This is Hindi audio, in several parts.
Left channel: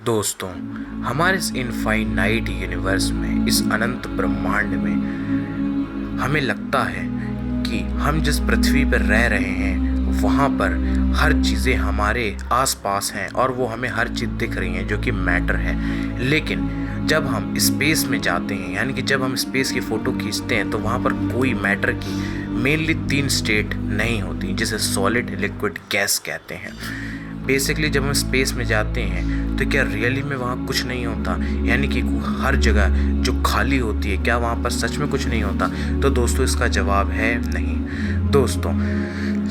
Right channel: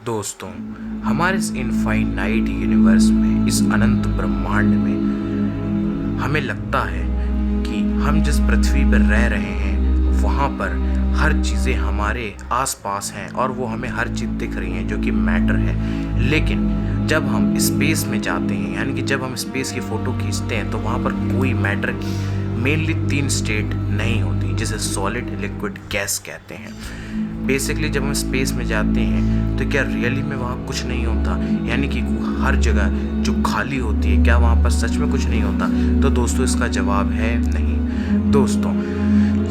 दोस्तों, हमारे इस इनफाइनाइट यूनिवर्स में, इस अनंत ब्रह्मांड में हमें लगता है कि हम जिस पृथ्वी पर रह रहे हैं वहाँ पर हर चीज़ें हमारे आसपास हैं और वो हमें हर चीज़ दिख रही हैं जो कि मैटर है। लेकिन जब हम स्पेस में जाते हैं, यानी कि जब हम स्पेस की फ़ोटो खींचते हैं, तो वहाँ पर कोई मैटर की मेनली 3 स्टेट नहीं होती, जिसे सॉलिड, लिक्विड, गैस कहते हैं। बेसिकली जब हम स्पेस में जाते हैं तो क्या रियली में वहाँ कुछ नहीं होता, यानी कि हर जगह जो खाली होती है, क्या वहाँ पर सच में कुछ नहीं होता? तो दोस्तों, इसका जवाब है नहीं। दोस्तों,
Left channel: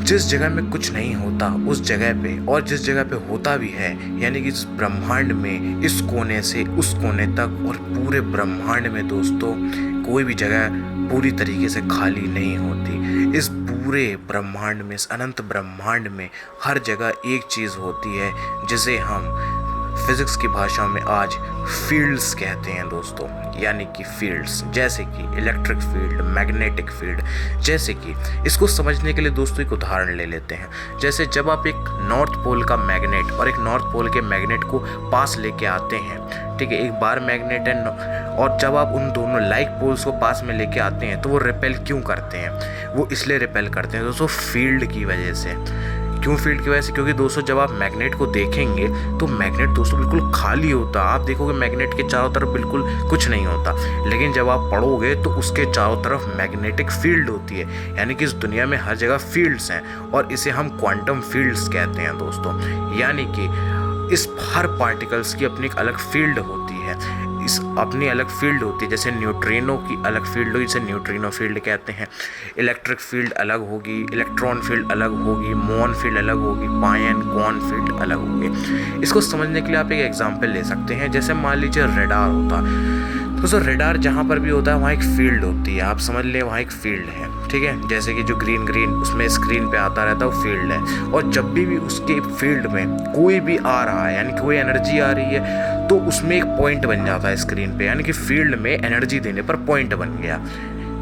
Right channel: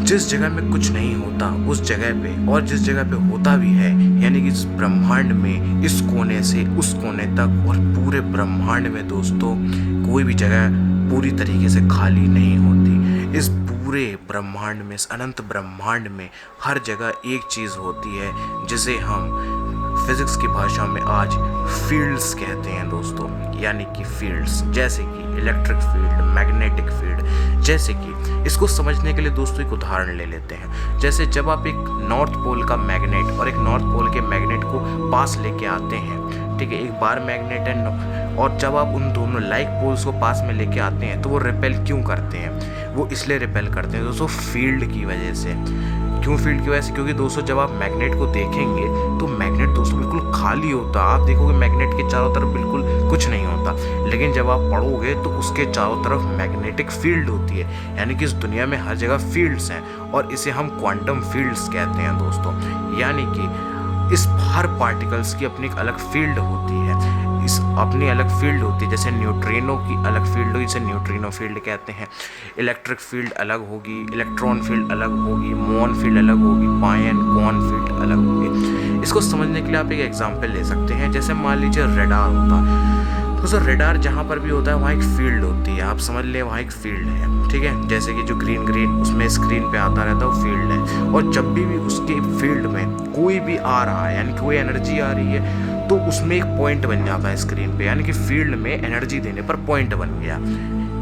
जिस जगह में कुछ नहीं होता उस जगह पे, और जिस जगह पे होता भी है, यानी कि इस ब्रह्मांड में इस कोने से उस कोने तक और पूरे ब्रह्मांड में दोस्तों कोई भी जगह पूरी तरीके से खाली नहीं होती। इस पूरे ब्रह्मांड में, इस अनंत ब्रह्मांड में हर जगह एक चीज़ होती है जिसे हम फिज़िक्स की भाषा में आज फील्ड्स कहते हैं दोस्तों। यानी कि फील्ड्स, जैसे कि इलेक्ट्रिक फील्ड, मैग्नेटिक फील्ड। जैसे कि इसको समझने के लिए दोस्तों एक उदाहरण ले लेते हैं। जैसे जब आप एक नॉर्थ पोल का मैग्नेट और एक नॉर्थ पोल के मैग्नेट को पास लेके आते हैं, ठीक है, एक बार मैग्नेट है, और जब आप उन दोनों लाइक पोल्स को पास में लेके आते हैं तो वो रिपेल क्यों करते हैं? वो इसलिए रिपेल करते हैं दोस्तों फील्ड की वजह से। क्यों फील्ड की वजह से? क्योंकि दोस्तों जब आप मैग्नेट को देखेंगे तो मैग्नेट दोस्तों बिल्कुल खाली होता। आप देखोगे मैग्नेट के चारों तरफ बिल्कुल कुछ नहीं होता, लेकिन जब आप पढ़ोगे तो उसके चारों तरफ मैग्नेटिक फील्ड होती है। यानी कि इस दुनिया में हर जगह फील्ड्स हैं और इसे हम क्वांटम फील्ड्स कहते हैं दोस्तों। यानी कि इस हर पार्टिकल्स की अपनी एक अलग फील्ड होती है, इस अपनी अलग फील्ड होती है। जैसे न्यूट्रिनो की अलग फील्ड होगी, इसे न्यूट्रिनो फील्ड कहते हैं। इलेक्ट्रिक फील्ड अलग होगी, इलेक्ट्रॉन फील्ड अलग होगी, मुऑन फील्ड अलग होगी, पायन क्वार्क फील्ड अलग होगी। इसको समझने के लिए आप एक एग्जांपल ले सकते हैं। जैसे मान लीजिए रेडार होता, तो सर रेडार जहाँ पर भी होता है वहाँ एक फील्ड होती है। आप समझ लें वहाँ एक फील्ड है, ठीक है। जैसे कि जो ग्रीन ग्रीन उसमें स्क्रीन पे आता रहता है वो फील्ड है। और जब भी उसके फील्ड में कोई भी आ रहा है, यानी कि कोई एनर्जी आ रही है, तो उसमें एक पॉइंट बन जाता है स्क्रीन पे, यानी कि फील्ड में एनर्जी देने पर पॉइंट बन गया,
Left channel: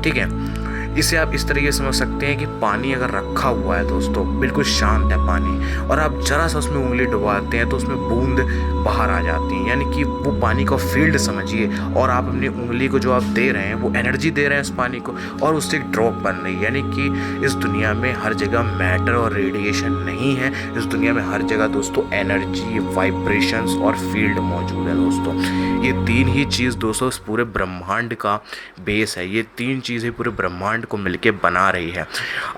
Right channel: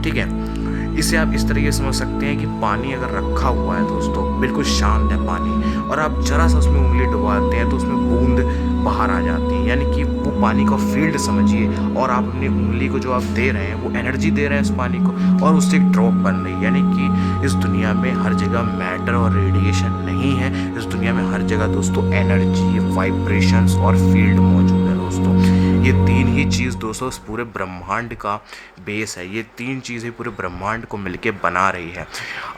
ठीक है। इसे आप इस तरीके से समझ सकते हैं कि पानी अगर रखा हुआ है दोस्तों, बिल्कुल शांत है पानी, और आप जरा सा उसमें उंगली डुबाते हैं तो उसमें बूंद बाहर आ जाती हैं, यानी कि वो पानी का फील्ड समझिए। और आप अपनी उंगली को जो आप दे रहे हैं वो एनर्जी दे रहे हैं उस पानी को, और उससे एक ड्रॉप बन रही है। यानी कि इस दुनिया में हर जगह मैटर और रेडिएशन नहीं है, इस दुनिया में हर जगह दोस्तों एनर्जी, वाइब्रेशंस और फील्ड मौजूद है दोस्तों। ये 3 ही चीज़ दोस्तों इस पूरे ब्रह्मांड का बेस है। ये 3 चीज़ें पूरे ब्रह्मांड को मिलके बना रही है।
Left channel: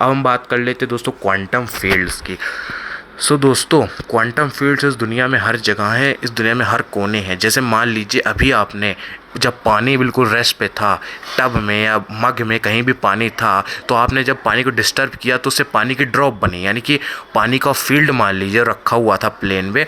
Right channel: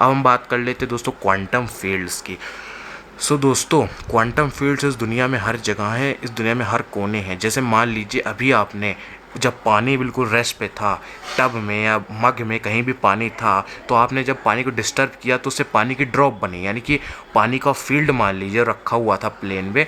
अब हम बात कर लेते हैं दोस्तों क्वांटम फील्ड्स की। दोस्तों क्वांटम फील्ड्स इस दुनिया में हर जगह है, इस दुनिया में हर कोने हैं। जैसे मान लीजिए अभी आपने, जब पानी बिल्कुल रेस्ट पे था, टब में या मग में कहीं भी पानी था, तो आपने जब पानी को डिस्टर्ब किया तो उससे पानी की ड्रॉप बनी, यानी कि पानी का फील्ड मान लीजिए रखा हुआ था प्लेन में,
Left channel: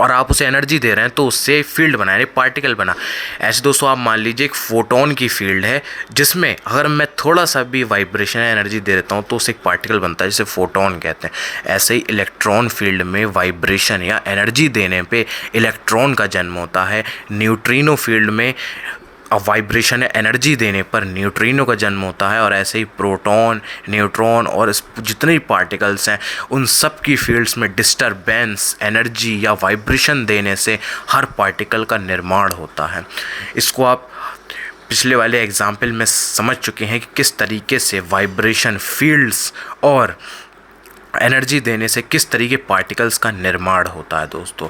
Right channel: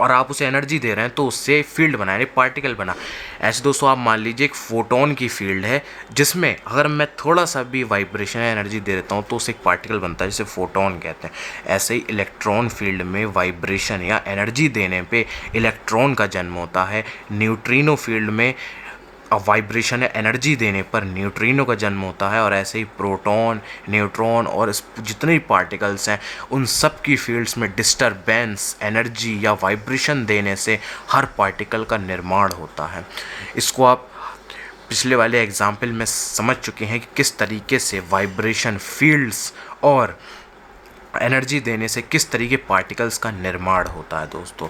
और आप उसे एनर्जी दे रहे हैं तो उससे फील्ड बना, यानी पार्टिकल बना। ऐसे दोस्तों आप मान लीजिए एक फोटोन की फील्ड है, जिसमें अगर मैं थोड़ा सा भी वाइब्रेशन या एनर्जी दे देता हूँ तो उससे एक पार्टिकल बनता है, जिसे फोटोन कहते हैं। ऐसे ही इलेक्ट्रॉन फील्ड में वाइब्रेशन या एनर्जी देने पे इलेक्ट्रॉन का जन्म होता है। न्यूट्रिनो फील्ड में वाइब्रेशन या एनर्जी देने पर न्यूट्रिनो का जन्म होता है। और ऐसे ही प्रोटॉन, न्यूट्रॉन और जितने भी पार्टिकल्स हैं उन सब की फील्ड्स में डिस्टरबेंस, एनर्जी या वाइब्रेशन देने से हर पार्टिकल का निर्माण होता है। इसको आप पिछले वाले एग्जाम्पल में समझ चुके हैं कि किस तरीके से वाइब्रेशन, फील्ड्स और एनर्जी देने से किस तरीके पार्टिकल्स का निर्माण होता है दोस्तों।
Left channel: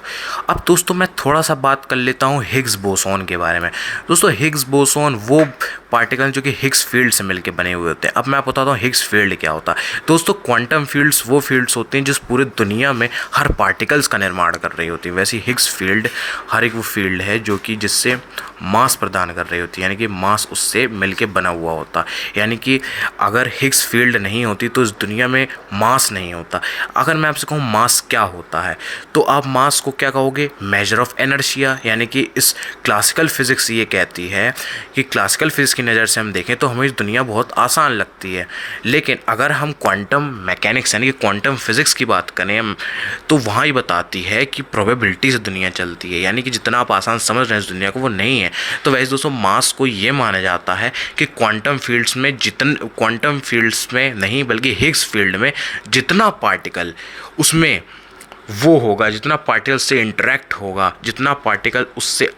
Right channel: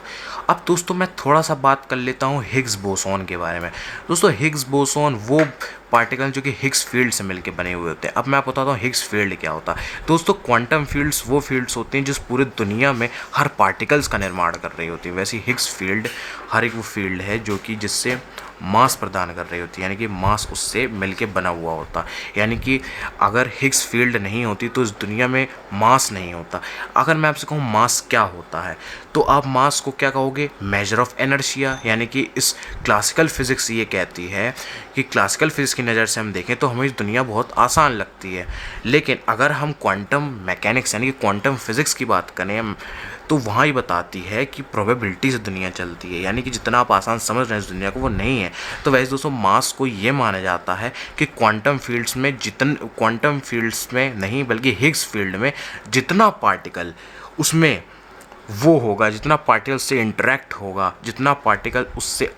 अब दोस्तों मैं थोड़ा सा बात कर लेता हूँ हिग्स बोसॉन के बारे में। दोस्तों हिग्स बोसॉन वो पार्टिकल जो कि हिग्स फील्ड से मिलकर बने हुए होते हैं। अब मैं आपको बताता हूँ हिग्स फील्ड क्या होता है। दोस्तों क्वांटम फील्ड्स वो फील्ड्स होते हैं जिस पूरे दुनिया में हर पार्टिकल्स का निर्माण कर रही होती है। वैसे हिग्स फील्ड हर एक वो फील्ड है जो कि जिससे मास प्रदान कर रही होती है, यानी कि मास उससे मिलके बना हुआ होता है। यानी कि अगर हिग्स फील्ड नहीं होती तो इस दुनिया में मास नहीं होता। अगर मैं आपसे कहूँ मास क्या होता है, तो आप मास को क्या कहोगे? Measure of inertia. यानी कि इस क्लासिकल फिजिक्स ये कहती है कि क्लासिकल फिजिक्स की नज़र से हम देखें तो हमें दुनिया बहुत आसान लगती है, लेकिन अगर हम क्वांटम मैकेनिक्स यानी कि क्वांटम फिजिक्स की बात करें तो वहाँ ही बताती है कि प्रोबेबिलिटी से दुनिया चलती है, यानी कि जितना आप आसान समझ रहे हैं इस दुनिया को वो नहीं है। तो वैसे दोस्तों मास को ये माना जाता है कि क्वांटम फील्ड्स में नहीं बल्कि हिग्स फील्ड में जितना पार्टिकल उसमें वो होगा, जितना पार्टिकल से इंटरेक्ट होगा, जितना पार्टिकल उससे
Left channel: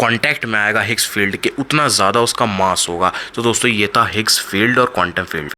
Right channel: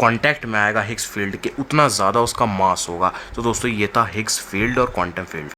कांटेक्ट में आएगा हिग्स फील्ड के, उतना ज़्यादा उसका मास होगा। तो दोस्तों ये था हिग्स फील्ड और क्वांटम फील्ड।